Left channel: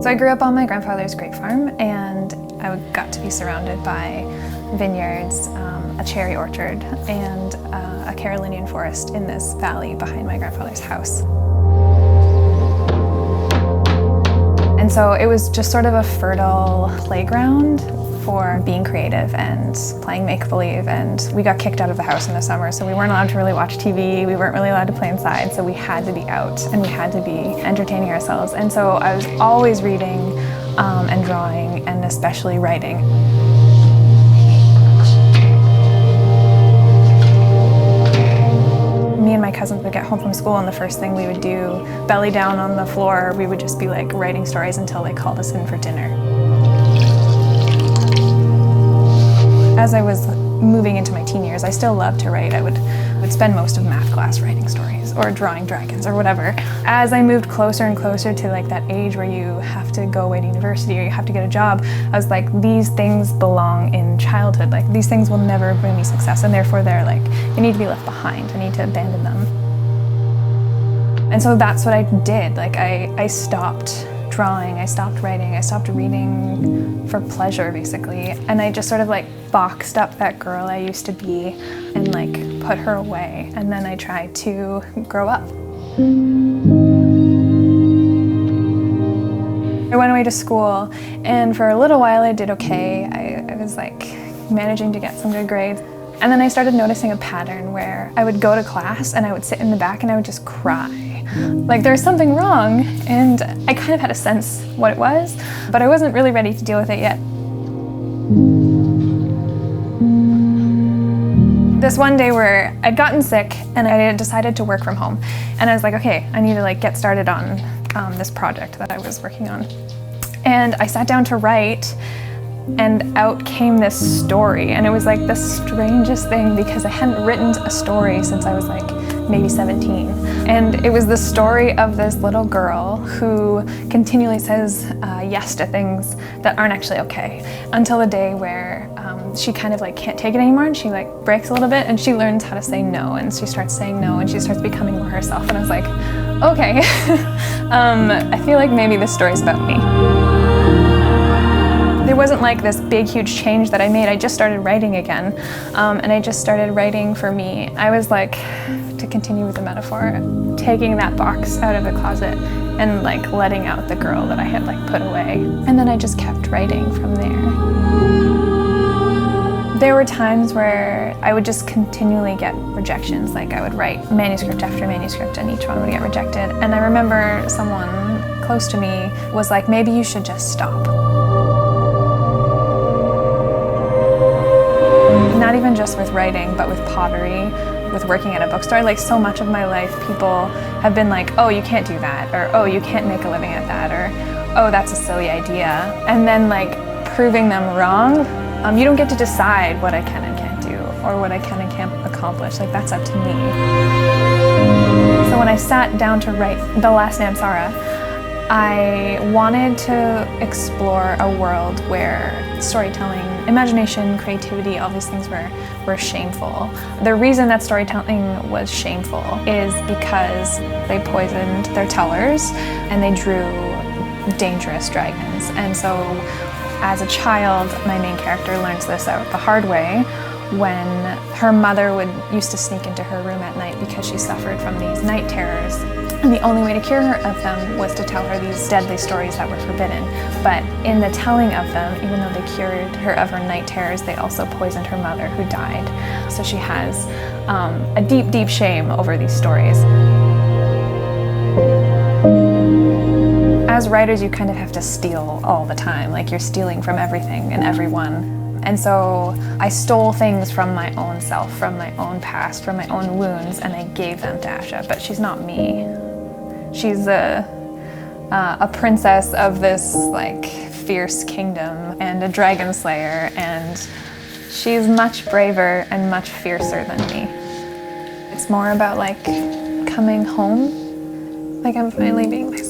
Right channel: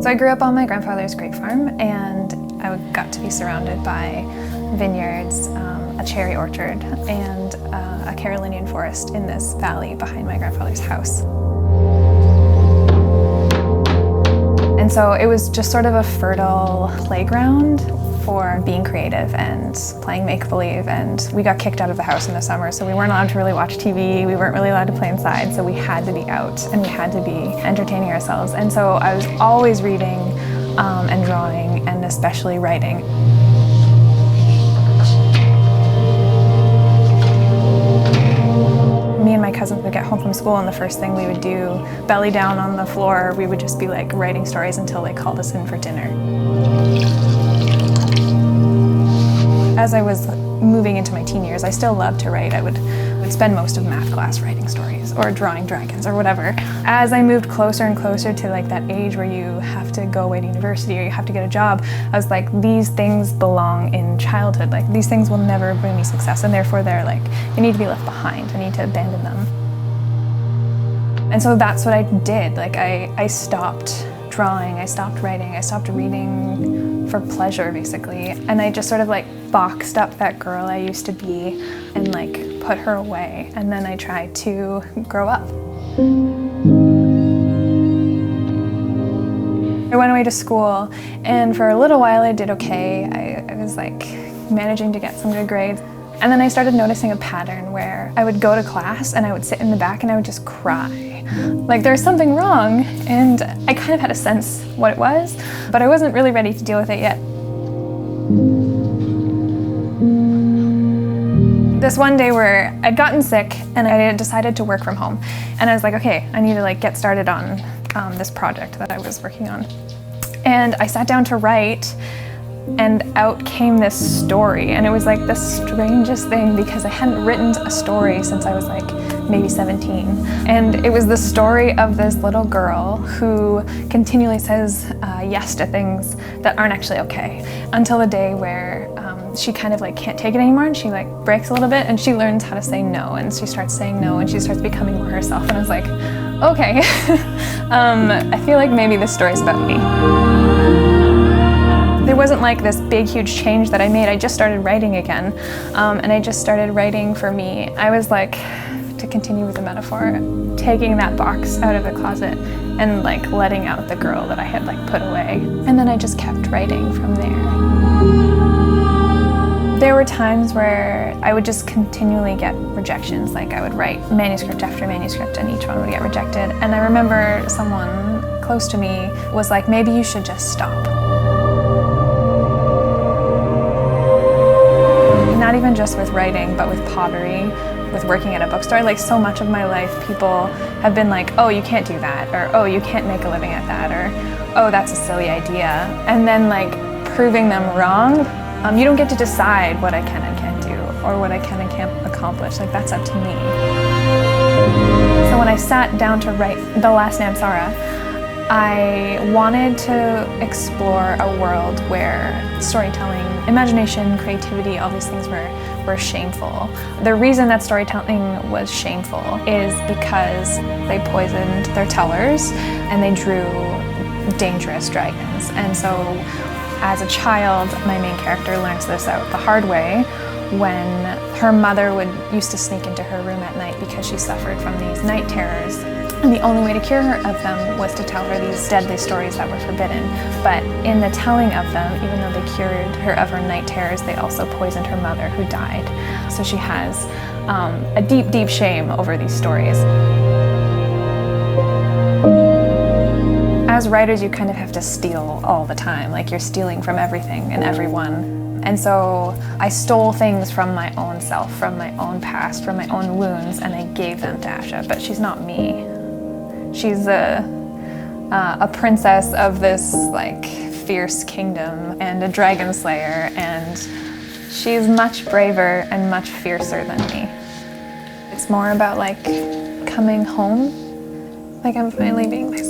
So I grew up on my grandfather's grape farm, and I got to be surrounded by vineyards, a cherry orchard, and a Carolinian forest in this valley behind my grandfather's house. And so it was just sort of a fertile playground for being creative and playing make-believe, and we got kicked out of the house in the summer, so we weren't allowed to really watch TV, we weren't really allowed to play inside, so we had to be out and we had to be entertaining ourselves. And so I was always reading and drawing, and especially writing. Me and my cousins would get home from school, and the first thing we would do, belly down on the floor, we would just be like writing stories until they called us in for dinner. As I was moving into my teen years, I still loved to write. I would spend most of math class writing stories or drawing dragons or whatever. As I moved closer and closer to like that age where you have to go away to university or you have to get a job, I was like, these things belong in childhood. Like, these things will never bring me success, and therefore they need to be left behind. I need to abandon them. And so that's what I did. Like, I stopped drawing, I stopped writing, I stopped reading for pleasure, basically. And I just sort of like boxed up that girl I used to be and like put her away. And then I tried to grow up. I went away to school, and for a little while I did okay. I was like managing to get some good grades. And then I started noticing a pattern where I would go to class and I would sit in the back and I would just cry. Like there was something wrong, and I kind of had a sense what it was, but I wasn't really ready to deal with it yet. This one day where I'd gotten sick and I decided to work from home, and I was like, okay, I need to like get started on this project that I was working on. And I sat down to write, and out came this story, and it was like the strangest thing because I hadn't written a story since I was like maybe 17. And it was the story of this little girl who continually says yes to things that aren't actually okay, until the day where she kind of like can't take it anymore, and she like breaks a little bit and she learns how to say no, and she starts saying no and she starts becoming more herself. And I was like, okay, I feel like maybe this story's about me. There wasn't like this big, huge change that I made. I just started writing again, and I just started writing for me. I was like, to continue with the metaphor, taking that box out of the closet and like letting out the girl that I had like put away. And then I just kept writing from there. There were times where I would just continually get rejections. Like I would write manuscript after manuscript and each one would get rejected. And I remember someone close to me was like, maybe you should just stop. Not even just with writing, but with pottery, with working at a bookstore. Like so much of my life, people have been like, oh, you can't do that, or oh, you can't make a living at that, or oh, that's a silly idea. And then like proving them wrong. You don't get to decide what I can and can't do, or what I can and can't accomplish. Like that's up to me. So when I sat down to write The Last Namsara, I wanted to explore a world where storytelling, imagination, creativity, all these things were shameful. The reason that storytelling was shameful is because they poisoned their tellers and they drew dangerous dragons. And so as a child, my main character learns this out the hard way when her mother used to sneak into her room at night because she suffered from these night terrors. And the only way to cure her of them was to tell her these deadly stories that were forbidden. But in the telling of them, even though they cured her of her night terrors, they also poisoned her mother, who died. So she has a deep, deep shame over these stories. As writers, you kind of have to steal all the time. Like you're stealing from everything and everyone. And so I stole things from my own self, from my own past, from my own wounds, and I gave them to Asha. But she's not me. She's a princess of this like fierce kingdom and a dragon slayer, and she's much braver and much fiercer than me. It's more about like coming home, like I'm finally being myself.